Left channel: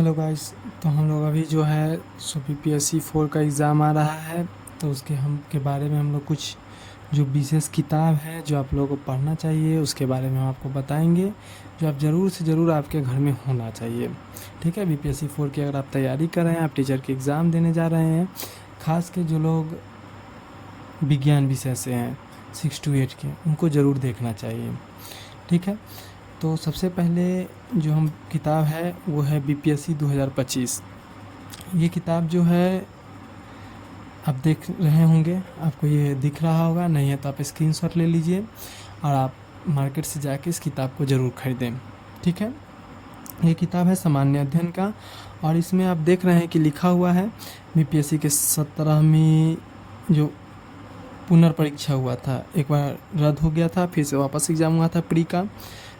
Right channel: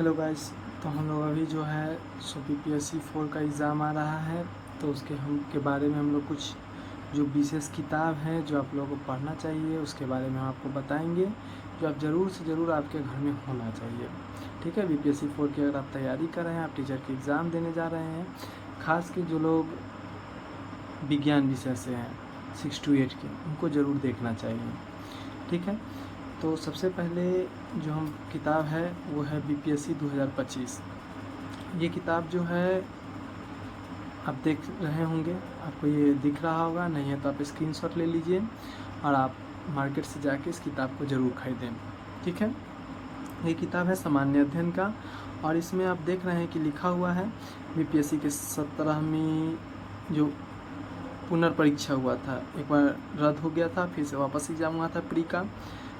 Hello guys. तो हम लोग अभी जो है सो PPSC 4 का एग्ज़ाम आ रहा है, तो उसके बारे में हम लोग कुछ जो विशेष किताब है जो आप लोगों को पढ़ना चाहिए उसके बारे में हम आपको बताएंगे, जो आप ज़रूर से ज़रूर आपके घर में होना चाहिए। ठीक है, BPSC 4 की अगर आप तैयारी कर रहे हैं, आप टीचर के एग्ज़ाम देने जा रहे हैं, ख़ास के जो लोग विज्ञान विषय से हैं 6 to 8 के, उनको ज़रूर देखना चाहिए। ठीक है, तो सबसे पहले जो हम किताब है वो है BPSC 2025। ये किताब जो है आप देख रहे होंगे, आपको ये दिख रहा होगा, नहीं है तो आप स्क्रीनशॉट ले लीजिए और आप मार्केट से जाके इस किताब को ज़रूर खरीदें। ठीक है, ये किताब है सामान्य अध्ययन का, और इसमें आप देख रहे हैं कि लिखा हुआ है BPSC के 17वीं जो पुनर्परीक्षा हुआ था, एक बार रद्द हो गया था, फिर से वापस एग्ज़ाम हुआ था प्री का।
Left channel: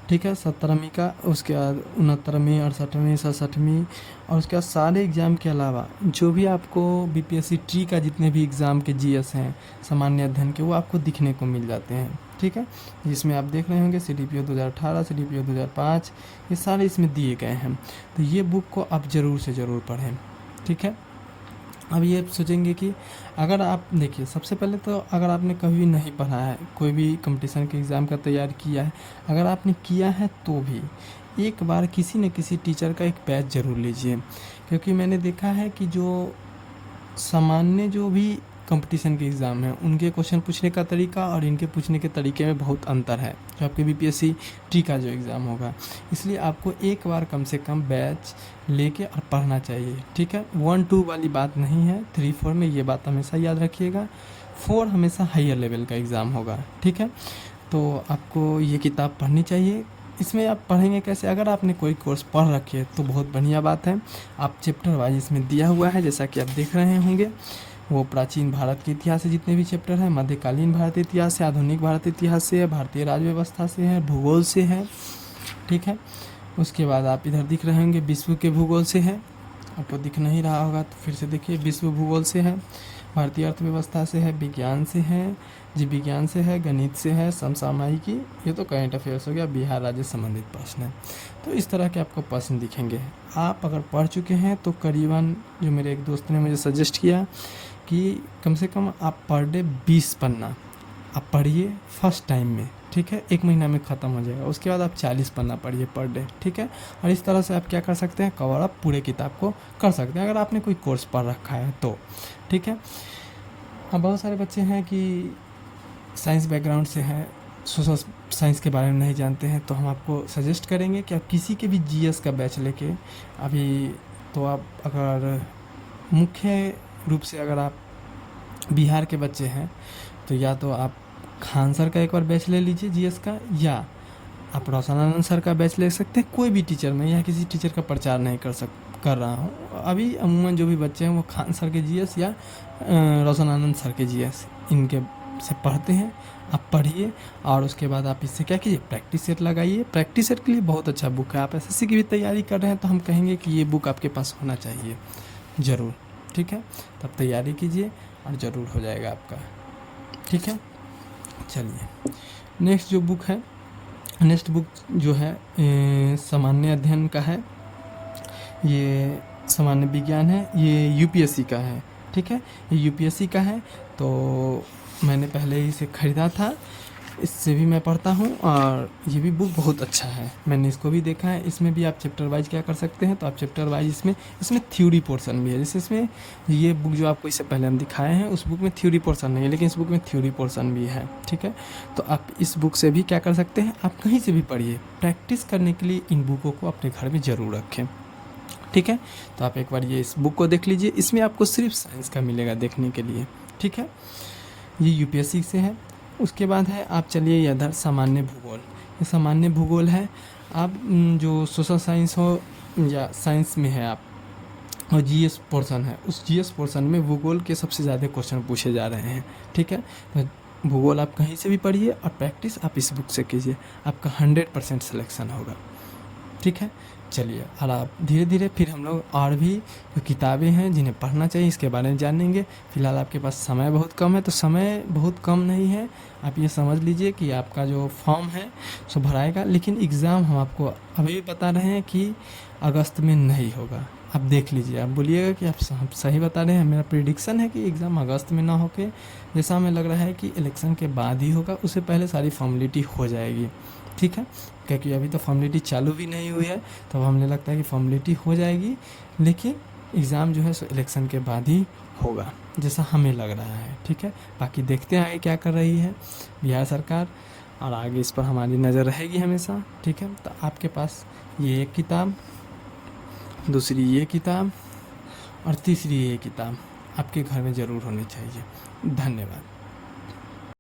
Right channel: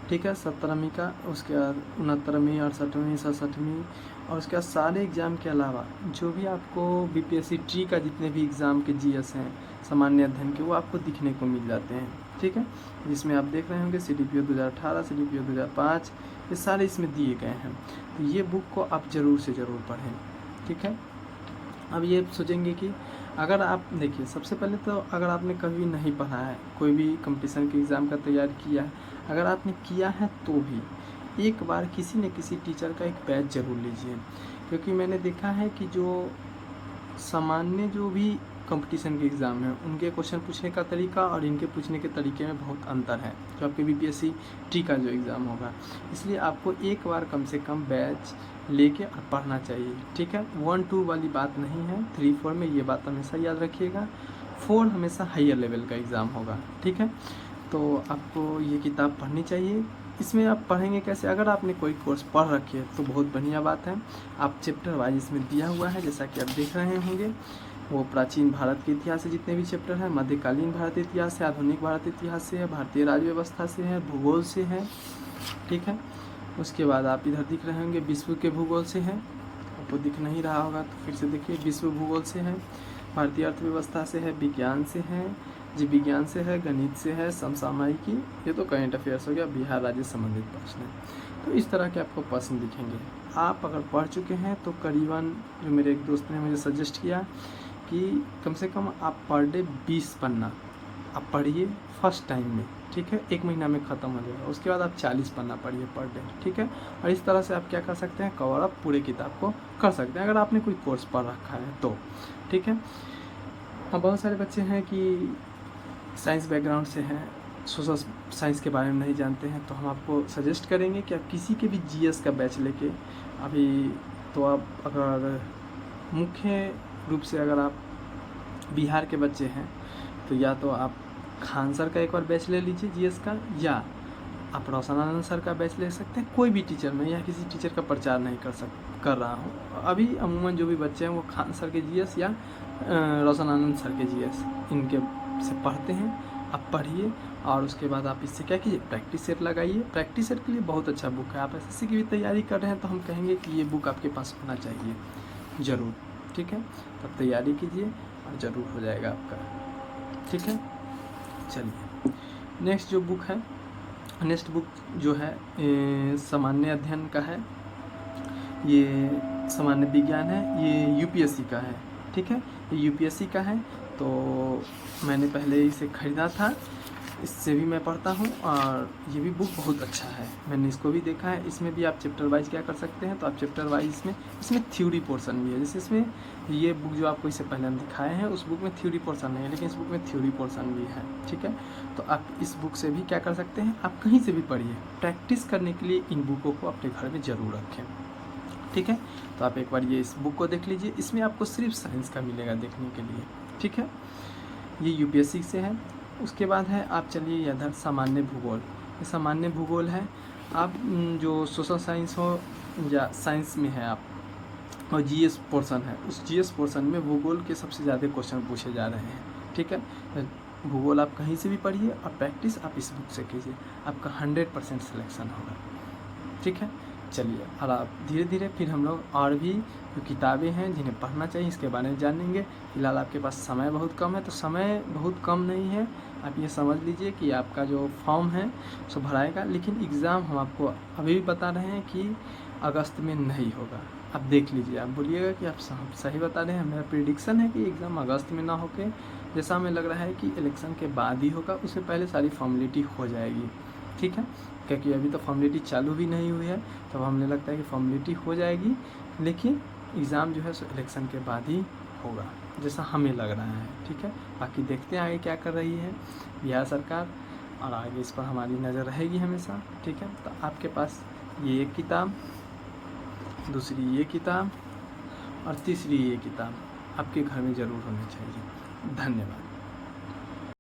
ठीक है, 17वीं का, उसके बाद 69वीं, 68वीं, 67वीं, और उसके बाद सारे एग्ज़ाम के अलावा जो भी आपको BPSC ट्री का जितने भी एग्ज़ाम के GS हैं सामान्य अध्ययन के, वो आपको दिखने को मिल जाते हैं। ठीक है, जिसमें आप देख रहे होंगे CDPO 2018, CDPO 2005, ये सारे इसमें दिए गए हैं। तो ये बुक को आप ज़रूर से ज़रूर पढ़ें। ठीक है, अब ये सोचेंगे कि अगर आप देखिए, सबसे पहले तो अगर आपने कभी नहीं पढ़ा है, कोई भी कंपटीशन के एग्ज़ाम का तैयार किया है, अगर आपने किया है तो भी एक बार किसी न किसी टीचर का एक बैच ज़रूर लीजिए, क्योंकि मैंने देखा है कि जो सामान्य जो भी कंपटीशन के एग्ज़ाम हैं उनके क्वेश्चन पूछने का तरीका और इनके पूछने के तरीके में बहुत अंतर है, जो आपके BPSC ट्री का जो एग्ज़ाम होगा। इसलिए आपको एक बार कम से कम बैच लेके और पढ़ना चाहिए। ठीक है, 1-2 वाली बात नहीं है, 3-4 में ये बात हमेशा याद रखिएगा। 4 हमेशा हायर लेवल का एग्ज़ाम होगा। ठीक है, तो आपको ये किताब पढ़नी चाहिए। इसमें आप पढ़ेंगे कैसे? अगर आपने कोई कोर्स पढ़ रखी है तो बहुत बढ़िया बात है, आप चैप्टर वाइज इसमें दिया हुआ है, जैसा कि आप देख रहे होंगे। वो प्राचीन भारत के इतिहास से जितने भी चैप्टर हैं, मध्यकालीन भारत इतिहास से, आधुनिक भारत इतिहास से है, भारतीय राज्य व्यवस्था से है, भूगोल से है। ठीक है, उसके बाद आप इधर दिख रहे होंगे विश्व के भूगोल से है, आपको दिख नहीं रहा होगा तो फिर से देखिए, विश्व भूगोल से है, भारतीय अर्थव्यवस्था से है, विज्ञान से है, जीव विज्ञान से है, गणित से है, समसामयिकी, ये तो करंट अफेयर्स हो गया, बिहार राज्य संबंधित प्रश्न है। तो इस तरह के आपको प्रश्न दिखेंगे। आप अगर पढ़ चुके हैं तो करीबन, जो मेरे एक दोस्त ने मुझे सजेस्ट किया कि कम से कम आप पर डे 20 पन्ना आप पढ़िए फर्स्ट टाइम में। ठीक है, 1 महीना में ख़त्म हो जाएगा, उसके बाद आप 40 पन्ना पढ़िए पर डे। ठीक है, और इस तरह से आप क्या कर सकते हैं, कवर अप पूरे किताब को कर सकते हैं, अगर आपने कोई कोर्स पढ़ रखा है तो। ठीक है, हाँ, बहुत सारे बच्चे हैं कि साइंस बैकग्राउंड से हैं, सोशल साइंस के बारे में नहीं जानते हैं, तो हम आपको सजेस्ट करेंगे कि आप किसी के भी GS का बैच लेके अभी, तो आप अगर मुख्य रूप से अगर आप बिहार के बच्चे हैं तो या तो आप खान सर का एक बार बैच ले लीजिए GS का, या आप रोशन सर का बैच ले सकते हैं। कोई भी टीचर में, या किसी टीचर का प्रचार नहीं कर रहा हूँ अभी, अमूमन जो भी बच्चे हैं वो खान सर के GS या रोशन सर के GS इनके से पढ़ते हैं। आप पढ़िए और उसके बाद आप इससे क्या कीजिए, प्रैक्टिस सेट लगाइए। प्रैक्टिस सेट के लिए बहुत अच्छा बुक है। आप SSC की भी तैयारी कर रहे हैं तो हम कहेंगे कि ये बुक आपके पास होना चाहिए ज़रूर। ठीक है, तब तैयारी कीजिए और ज़रूर हो जाएगा आपका। ठीक है, चलिए नेक्स्ट जो बुक है, नेक्स्ट बुक जो है सामान्य अध्ययन का है, ये सामान्य विज्ञान है, ये UPSC का है। ठीक है, ये UPSC का है, तो मैंने पहले ही इसे ख़रीदा था, इससे भी मैं पढ़ता हूँ और ये भी बुक बहुत अच्छा है, मैंने इसको भी देखा है। इसमें भी आप चैप्टर वाइज क्या कर सकते हैं, तो आप चैप्टर वाइज इसमें थ्योरी पोर्शन भी है। जैसे इसमें ये बुक जो आपको इससे पहले हम दिखाए हैं, उस बुक में थ्योरी पोर्शन नहीं है, लेकिन इस बुक में थ्योरी पोर्शन भी है। ठीक है, तो आप इस बुक से भी क्या कर सकते हैं, आप कहीं से भी पढ़िए। प्रैक्टिस करने के लिए इन बुकों को अपने घर में ज़रूर रखें। ठीक है, तो आप एक बार ये इस बुक को देख लीजिए, इसमें आपको सिर्फ साइंस का मिलेगा देखने के लिए। ठीक है, ये UPSC से है। उसके बाद है, आप चलिए इधर सामान्य भूगोल, ये सामान्य भूगोल है। आप जो सोशल साइंस हो या साइंस में है आप, और GS पोर्शन है, उस GS पोर्शन में भूगोल के सबसे ज़्यादा क्वेश्चन पूछे जा रहे हैं। ठीक है, भूगोल आप कहीं से भी पढ़िए और प्रैक्टिस आप इस बुक से कीजिए, आपका 100% सिलेक्शन होगा। ठीक है, चलिए, और आप धीरे धीरे फिर हम लोग और भी जो किताबें हैं जिन्हें पढ़ना चाहिए इसके बारे में जानेंगे। फ़िलहाल आपके पास समय बहुत कम है, तो समय बहुत कम नहीं है, आप ये समझ लीजिए कि आपका जो फॉर्म है सो भराएगा, लेकिन एग्ज़ाम हम आपको अभी भी बता रहे हैं कि अगस्त में नहीं होगा। आप देख लीजिए, आप बोलिएगा कि आप सही बता रहे हैं। मेरा प्रेडिक्शन है कि एग्ज़ाम अगस्त में ना होके जैसा हमें लग रहा है कि इलेक्शन के बाद ही होगा, उससे पहले सारी फॉर्मेलिटी हो जाएगी, ठीक है। क्योंकि अभी तो फॉर्मेलिटी चालू भी नहीं हुई है, तब हमें लगता है कि फॉर्मेलिटी हो जाएगी, लेकिन एग्ज़ाम जो है सो इलेक्शन के बाद ही होगा, जैसा हमें लग रहा है, ठीक है। बाकी देखते हैं आगे क्या कर रही है बिहार सरकार, और आगे इस पर हमारी नज़र रहेगी हमेशा, ठीक है। तो आपके पास ये एक किताब, दूसरी ये किताब और तीसरी ये किताब आपके घर में ज़रूर होनी चाहिए। धन्यवाद।